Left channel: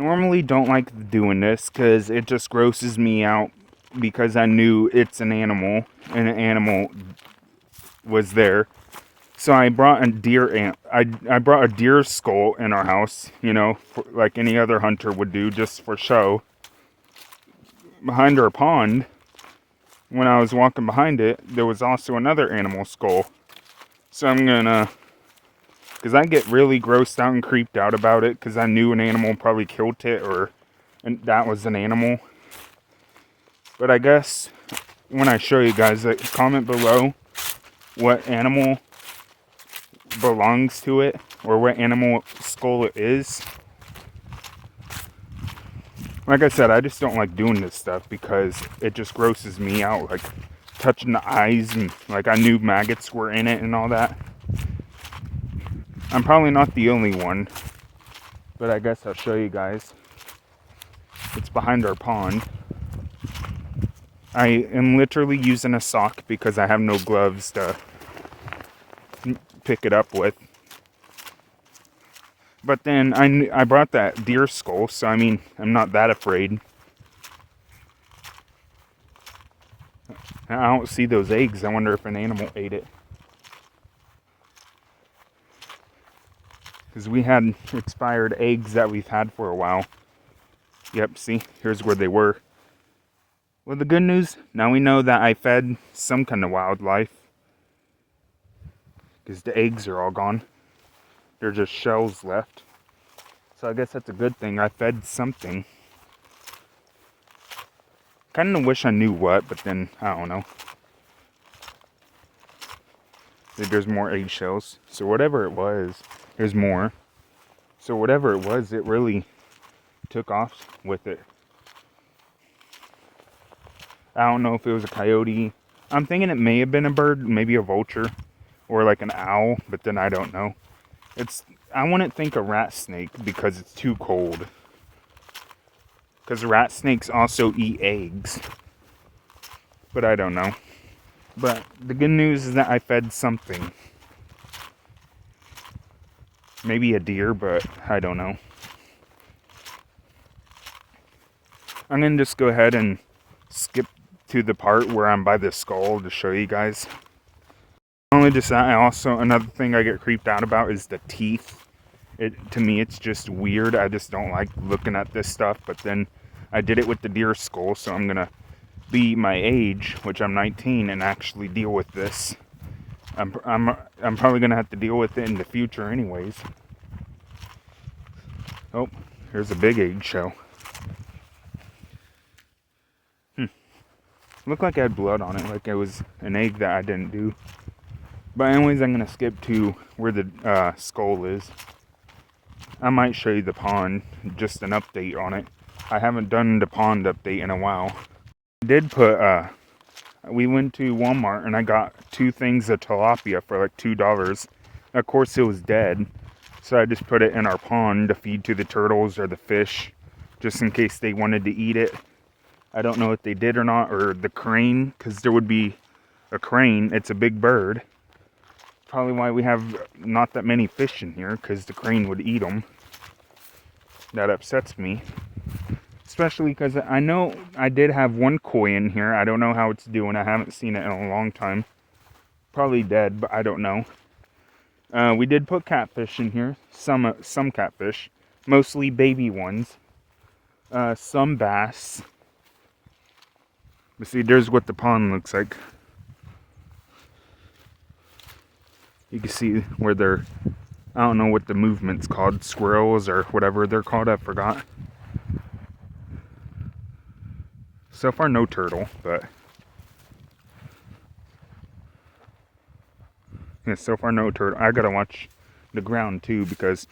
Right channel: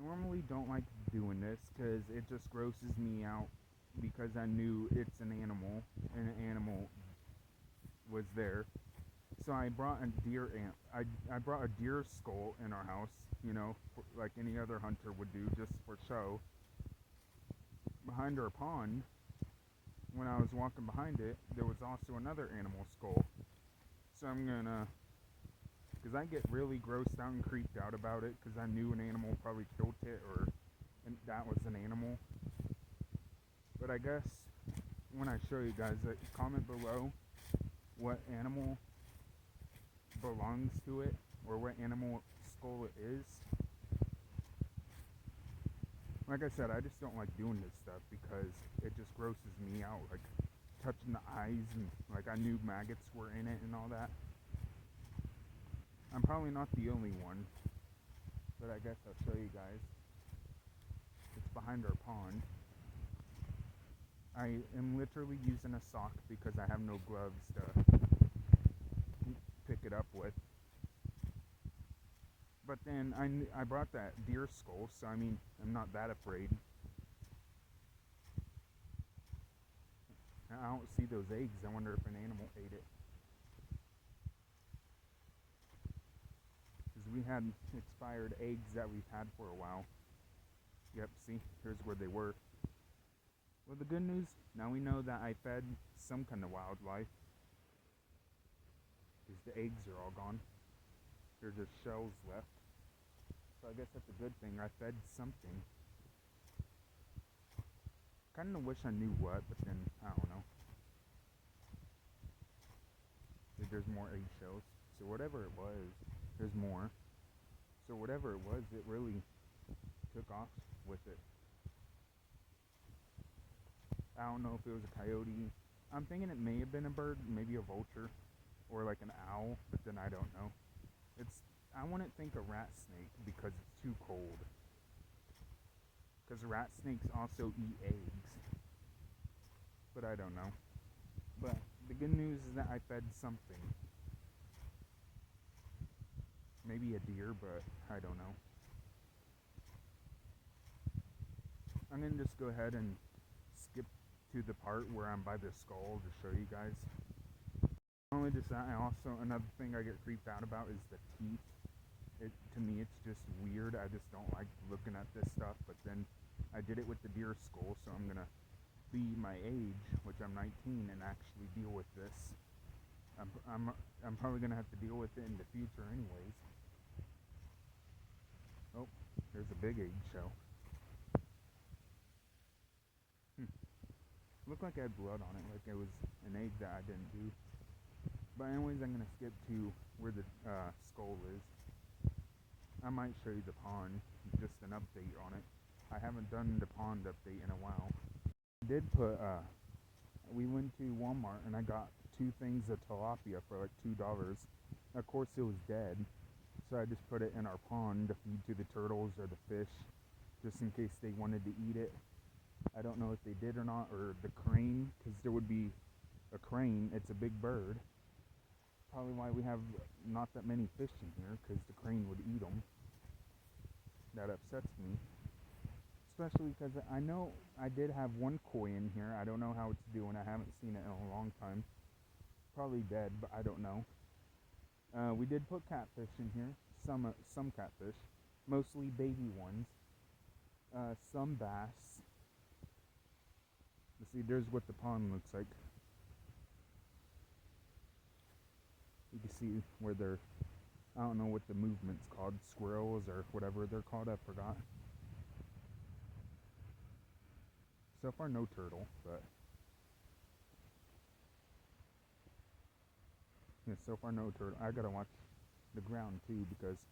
normally don't like doing this because it just grosses me out because I knew it's an animal and an animal was there. So I brought a deer I brought a deer skull in our house, like any other hunter would do just for show. Behind our pond, when I was walking behind it, there was also another animal skull. So I'm gonna, because I get really grossed out and creeped out about it because I knew an animal probably killed it and that was an animal. But I guess when I show you guys, comment below what animal belongs to it or what animal skull it is. Like I said, I just don't like doing this stuff because it just grosses me out, like touching the eyes and like I knew maggots were in it and all that. I'm probably not the only one, but I guess I'll show you guys. It's behind our pond. I am literally using a sock because I have no gloves to pick it up with. But then I brought that deer skull, so I mean, I'm not that afraid. I don't see those eggs. I wonder if an animal ate it. Because we had expired eggs that we've had for a while. Yep, see, here's where they were. Well, the good news, now we know that I fed some kind of wildlife. Because the eggs are all gone. They're just shells left. So I guess that's a good thing. I fed something. Kind of wish I knew what, but then, I don't know. There's more eggshells. So whatever it was, there's more. So whatever it was, it really took off with it. I don't know if it was a coyote. I'm thinking it may have been a bird, maybe a vulture, or like an owl, but then I don't know. I wouldn't think a rat snake because it's too cold. Because rat snakes also eat eggs. But I don't know. But the good news is that I fed something. Maybe a deer, but I don't know. I'm going to just go ahead and skip to the part where I'm by the skull to show you guys. Only just that, another thing I get creeped out about is the teeth. To me, it's just weird. I just don't like looking at this stuff. But then I did it with the deer skull, so I'm going to be my age, which I'm 19, and actually deal with this. I'm probably going to have to deal with it in the future anyways. Oh, here's a big eggshell. Looked like I had blood on it, like it was an egg that I didn't do. But anyways, I'm going to skip to where the skull is. I might show you the pond, just an update on it. I haven't done the pond update in a while. I did put, we went to Walmart and I got 2 things of tilapia for like $2. Of course it was dead, so I just put it in our pond to feed to the turtles or the fish, just in case they wanted to eat it. I don't know if they did or not, or the crane, because there would be a crane. It's a big bird. Probably why we have not that many fish in here, because the crane would eat them. That upsets me. Especially because I know I did have one koi in here. I don't know how it's doing. I haven't seen it in a long time. Probably dead, but I don't know. We did put catfish in here. Some catfish. Mostly baby ones. Some bass. But see, there's what the pond looks like. You can see where they're, I don't know what the movement's called, squirrels or whatever they're called, I forgot. So far no turtle, but yeah, so far no turtle. I gotta watch the ground too because,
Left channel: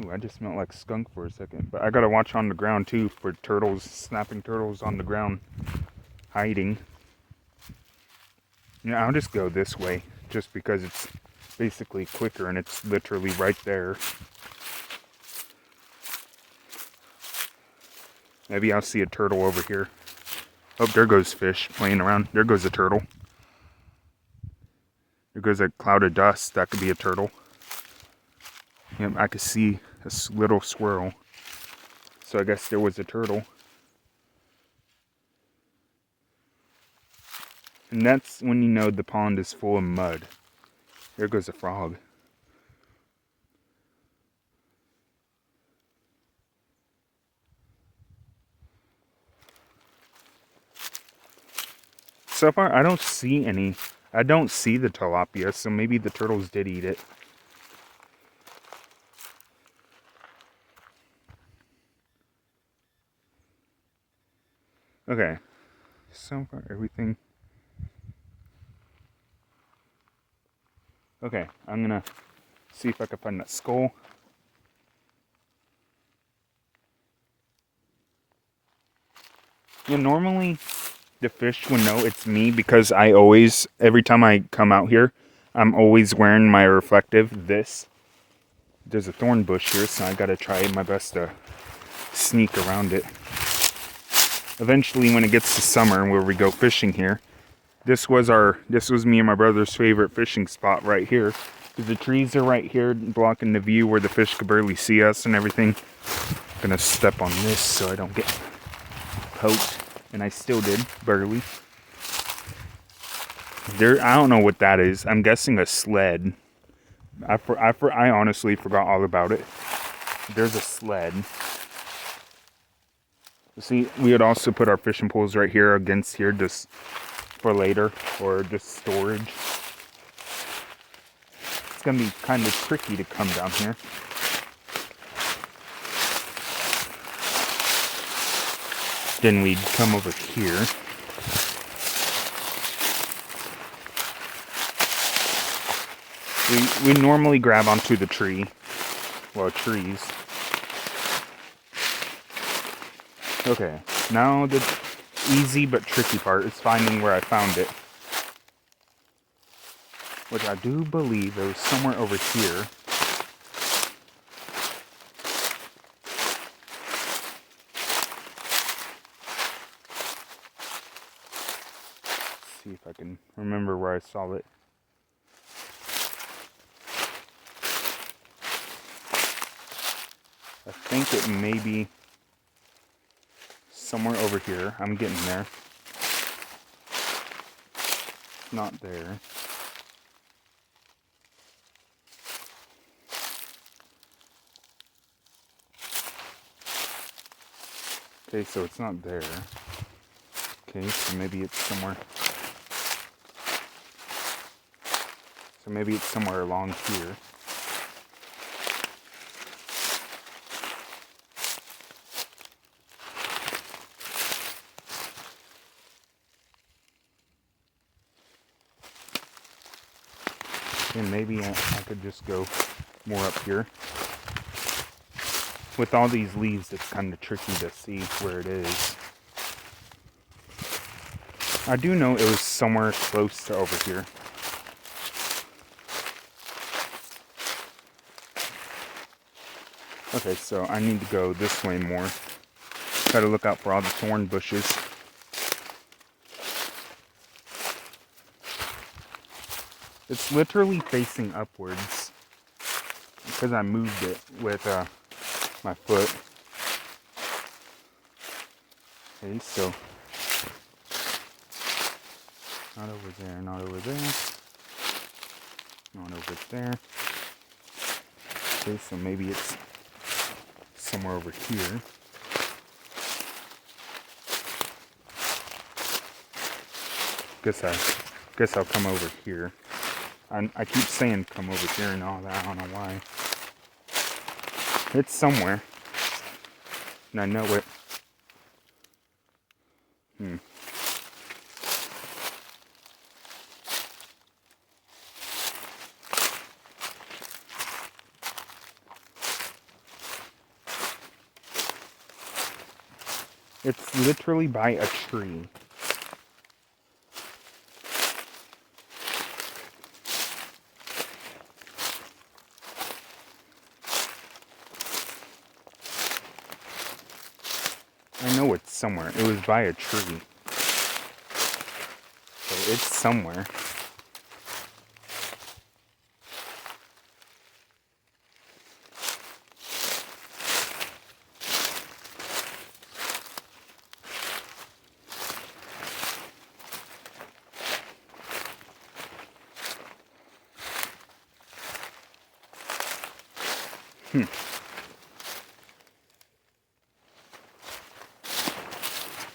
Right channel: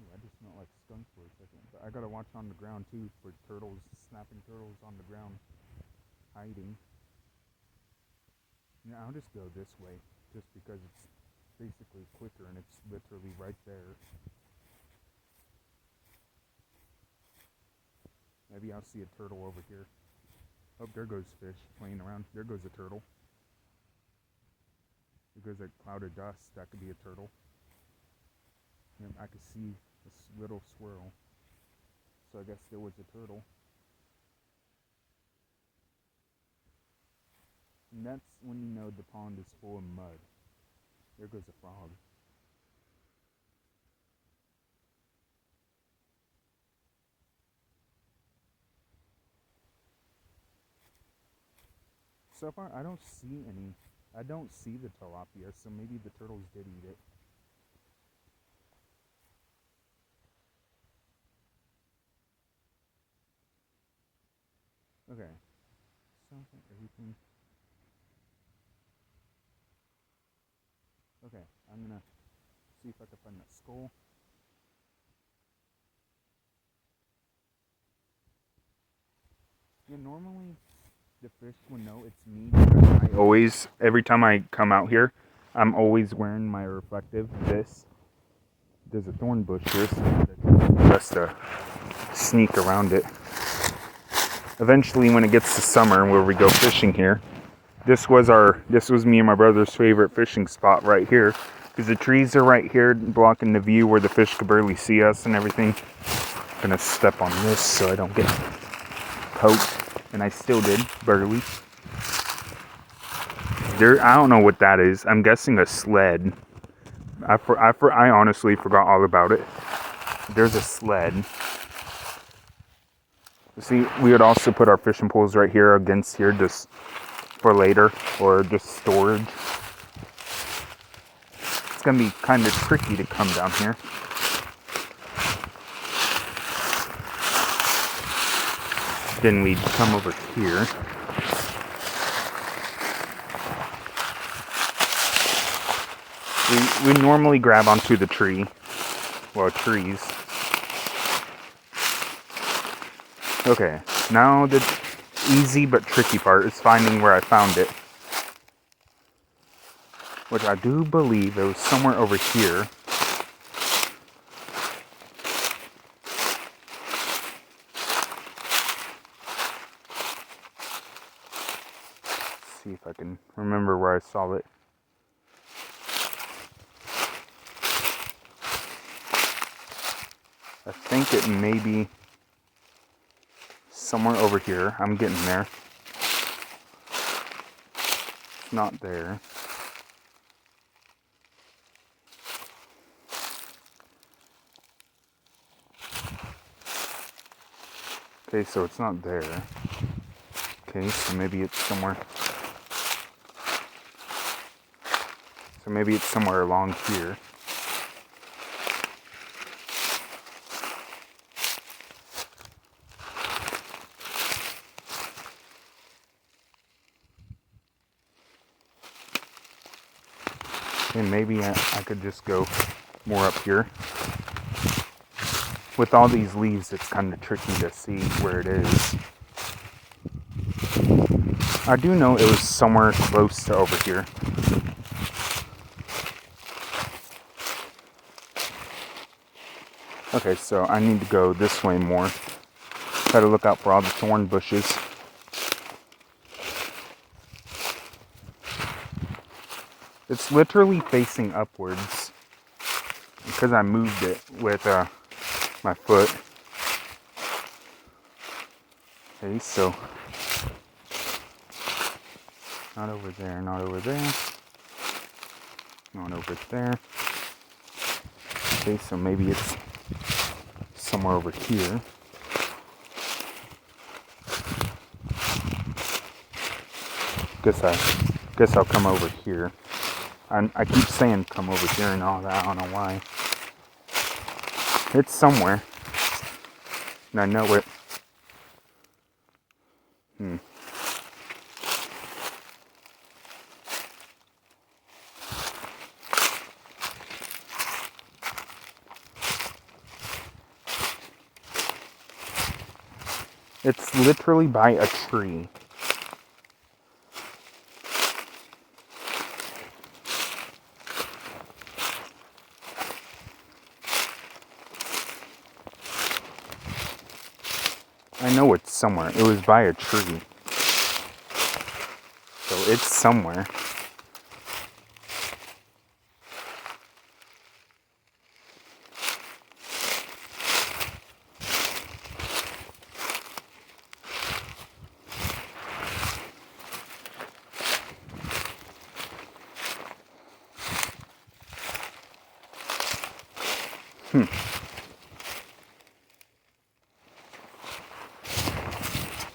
ooh, I just smelled like skunk for a second. But I gotta watch on the ground too for turtles, snapping turtles on the ground, hiding. Yeah, I'll just go this way just because it's basically quicker and it's literally right there. Maybe I'll see a turtle over here. Oh, there goes fish playing around. There goes a turtle. There goes a cloud of dust. That could be a turtle. Yep, I could see a little squirrel. So I guess there was a turtle. And that's when you know the pond is full of mud. There goes a frog. So far, I don't see any. I don't see the tilapia, so maybe the turtles did eat it. Okay. So far, everything. Okay, I'm gonna see if I can find that skull. Yeah, normally the fish would know it's me because I always, every time I come out here, I'm always wearing my reflective this. There's a thorn bush here, so I gotta try my best to sneak around it. Eventually, when it gets to summer where we go fishing here, this was me and my brother's favorite fishing spot right here. Because the trees are right here blocking the view where the fish could barely see us and everything. I'm gonna step on this so I don't get poked. And I still did, barely. I don't know what that is. I'm guessing a sled. I honestly forgot all about it. There's a sled. See, we would also put our fishing poles right here against here just for later or just storage. It's gonna be kind of tricky to come down here. Then we'd come over here. We normally grab onto the tree. Well, trees. Okay, now the easy but tricky part is finding where I found it. Which I do believe it was somewhere over here. Let's see if I can remember where I saw it. I think it may be somewhere over here. I'm getting there. It's not there. Okay, so it's not there. Okay, so maybe it's somewhere. So maybe it's somewhere along here. Okay, maybe I could just go more up here. With all these leaves, it's kind of tricky to see where it is. I do know it was somewhere close to over here. Okay, so I need to go this way more. Try to look out for all the thorn bushes. It's literally facing upwards because I moved it with my foot. Okay, so not over there, not over there, not over there. Okay, so maybe it's somewhere over here. Guess I'll come over here. I keep saying come over here and all that. I don't know why. It's somewhere. And I know it. It's literally by a tree. I know it's somewhere. It was by a tree. So it's somewhere.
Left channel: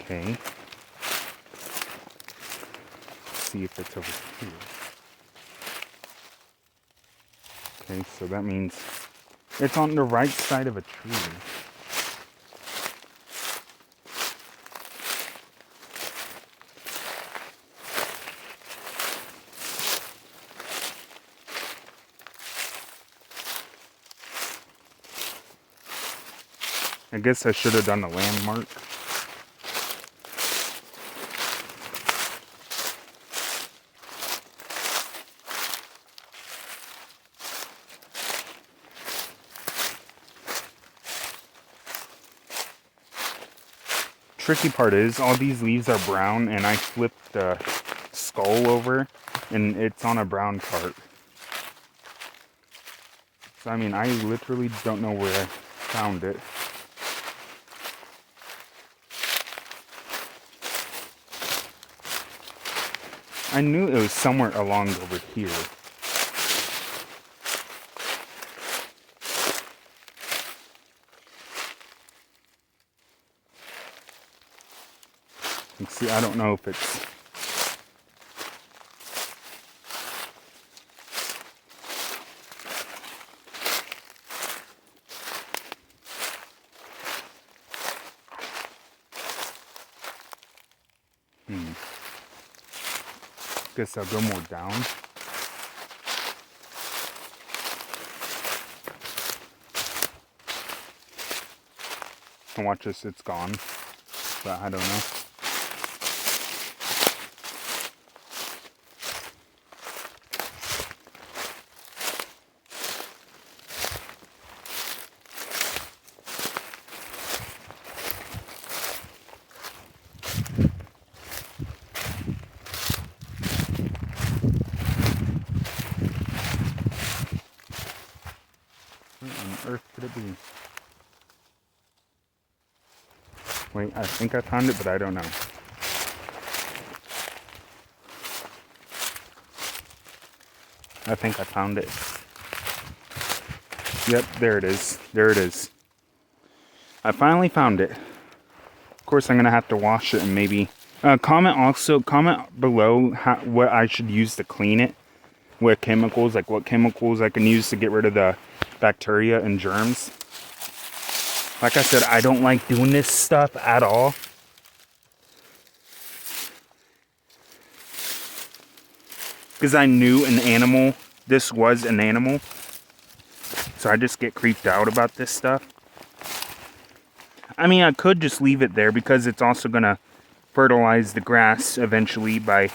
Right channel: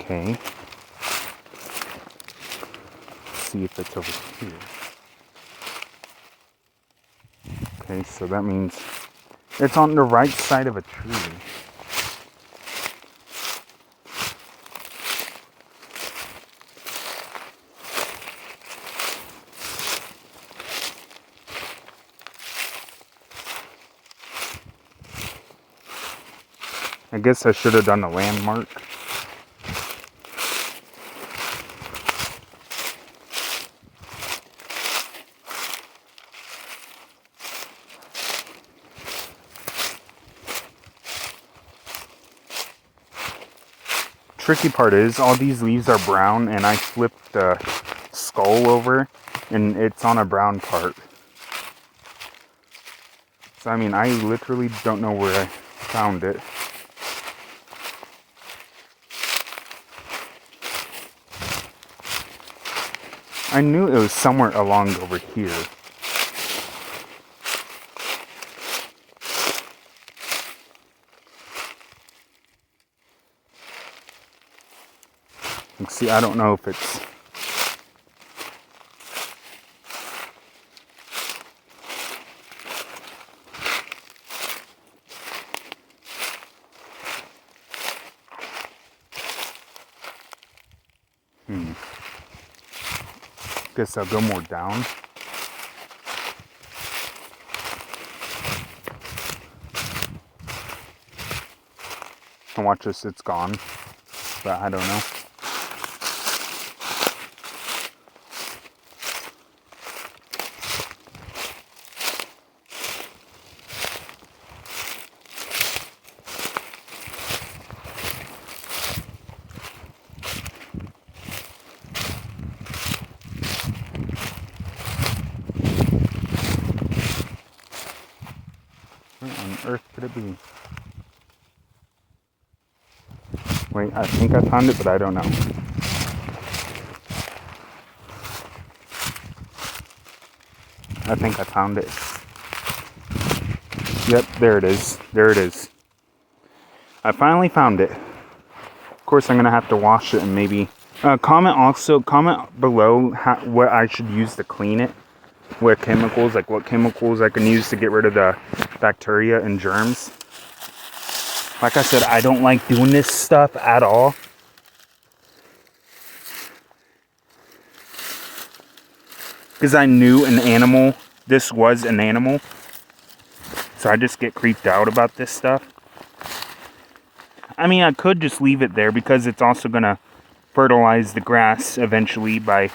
Okay. See if it's over here. Okay, so that means it's on the right side of a tree. I guess I should have done a landmark. Tricky part is all these leaves are brown, and I flipped the skull over and it's on a brown part. So I mean, I literally don't know where I found it. I knew it was somewhere along over here. See, I don't know if it's... Guess I'll go more down. And watch this, it's gone. But I don't know. Where on earth could it be? Wait, I think I found it, but I don't know. I think I found it. Yep, there it is. There it is. I finally found it. Of course, I'm going to have to wash it and maybe... comment below what I should use to clean it. What chemicals I can use to get rid of the bacteria and germs. Like I said, I don't like doing this stuff at all. Because I knew this was an animal. So I just get creeped out about this stuff. I mean, I could just leave it there because it's also going to fertilize the grass eventually by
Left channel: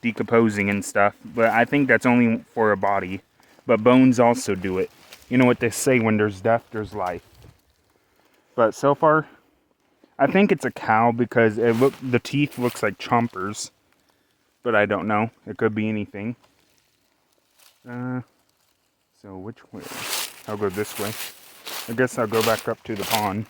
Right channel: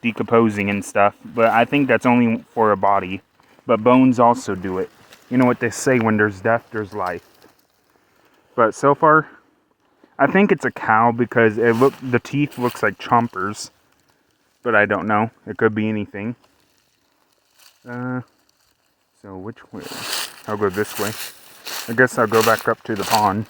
decomposing and stuff. But I think that's only for a body. But bones also do it. You know what they say, when there's death, there's life. But so far, I think it's a cow because the teeth looks like chompers. But I don't know. It could be anything. So which way? I'll go this way. I guess I'll go back up to the pond.